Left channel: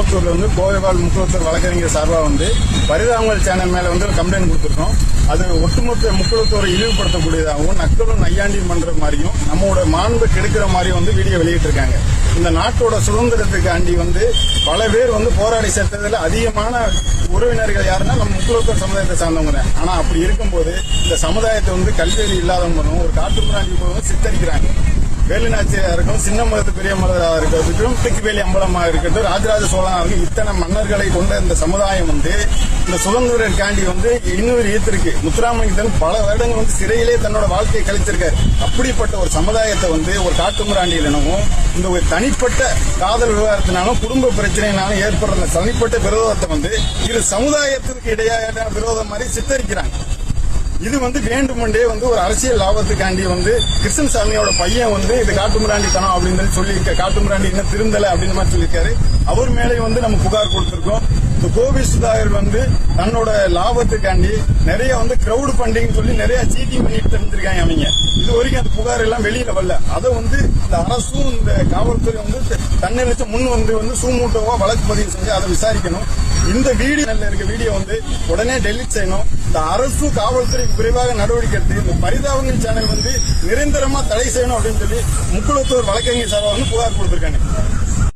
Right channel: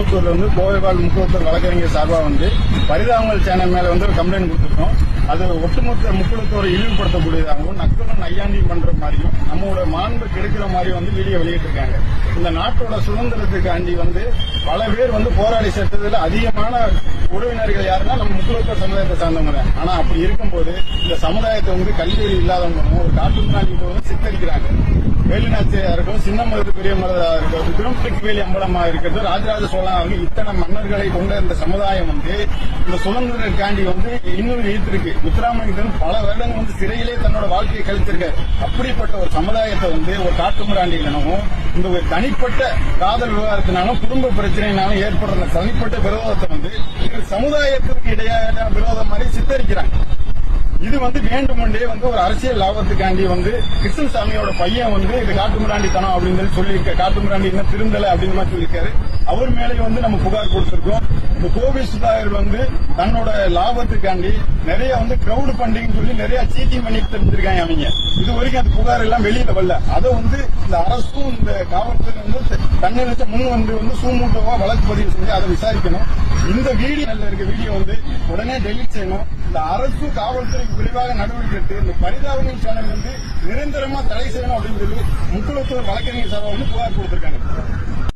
கோயம்புத்தூர்ல வந்து கோவைவால் முக்குளத்தூர் வழக்கறிஞர் சார்பாக வந்து பரிதாபங்கள் சேனல் மேல வந்து ஒரு கம்ப்ளைண்ட் கொடுத்துருக்கோம். அது ஒட்டுமொத்த முக்குளத்தோரை இழிவுபடுத்தக்கூடியதாகவும் நக்கலும் நையாண்டி பண்ற மாதிரியும் நம்மளோட மாண்பு கெடுக்கிற மாதிரியும் வந்து வீடியோ வெளியிட்டிருக்காங்க. இந்த நாட்டோட சுதந்திரத்துக்காண்டி வந்து பல பேர் வந்து போராடி செத்ததுல அதிகமான உறவினர்கள் யாருன்னா நம்ம முக்குளத்தோர் சமுதாயத்தை சார்ந்தவங்க தான். ஆனா அப்படி இருக்கும்போது இந்த சமுதாயத்தை வந்து கல்வியில் இல்லாதவங்களும் ஒரு காட்டுப்பிராண்டி போதும் சித்தரிக்கிறாங்க. வேலுநாச்சியா இருக்கும் சின்ன மலர் பெரிய மலராக இருக்கிறது திருமத்திக்குவேலி அம்பலமா இருக்கிறது. ராஜராஜ சோழன் இருக்கு இத்தனை மன்னர்களை கொண்ட இந்த சமுதாயம் வந்து இந்த சுதந்திரக்காண்டி வந்து இன்னொரு ஈர்த்திருக்கு. முத்துராமலிங்கன் பல வருடங்கள் வந்து சிறையிலே தன்னோட வாழ்க்கையை கழிச்சிருக்காரு அப்படிப்பட்ட ஒரு சமுதாயத்தை வந்து ஒரு காட்டுமிராண்டியிலும் இந்த ஒரு தனிப்பட்ட காதல் விவகாரத்தினாலும் குடும்ப பிரச்சனைனாலும் ஏற்படுற தனிப்பட்ட விரோதத்தை வந்து இரு சமுதாயத்திற்கு இடையான விரோதம் மாதிரி சித்தரிக்கிறாங்க. இது வந்து வேண்டுமென்றே வந்து ஒரு அரசியல் லாபத்துக்காண்டி வந்து கிருஷ்ணன் சாமியோட பையன் வந்து இது காட்டுமிராண்டித்தனம் அப்படின்னு சொல்லி காட்டுமிராண்டி இன்னும் திருந்தலை அப்படின்னு மாதிரி சொல்லியிருக்காரு. அவர் மேலே வந்து நம்ம புகார் கொடுத்திருக்கோம். இந்த கோபி சுதாகர் வந்து தன்னோட லாபத்துக்காண்டி நிறைய வந்து கிரவுட் ஃபண்டிங் சொல்லி நிறைய சீட்டிங் பண்ணிட்டு தெரிஞ்சிருக்காங்க அவங்க. இது வரைக்கும் அந்த புகார் எல்லாம் வெளியில வரல. அதை வந்து இந்த அரசும் இந்த காவல்துறை வந்து தன்னை வச்ச முன் வந்து வந்து சூமூட்டவா வழக்கு பதிவு செஞ்சு அதை விசாரிக்கணும். இந்த வீடியோ இருக்க வீடியோ வந்து உடனே டெலிட் செய்யணும். இந்த அரசு காவல்துறை விரைவாக நடவடிக்கை எடுத்து இந்த பரிதாபங்கள் சேனல் வந்து நிரந்தரமா தடை செய்யணும் அப்படின்னு சொல்லி முக்குளத்தூர் வழக்கறிஞர் சார்பாக வந்து புகார் கொடுத்திருக்காங்க.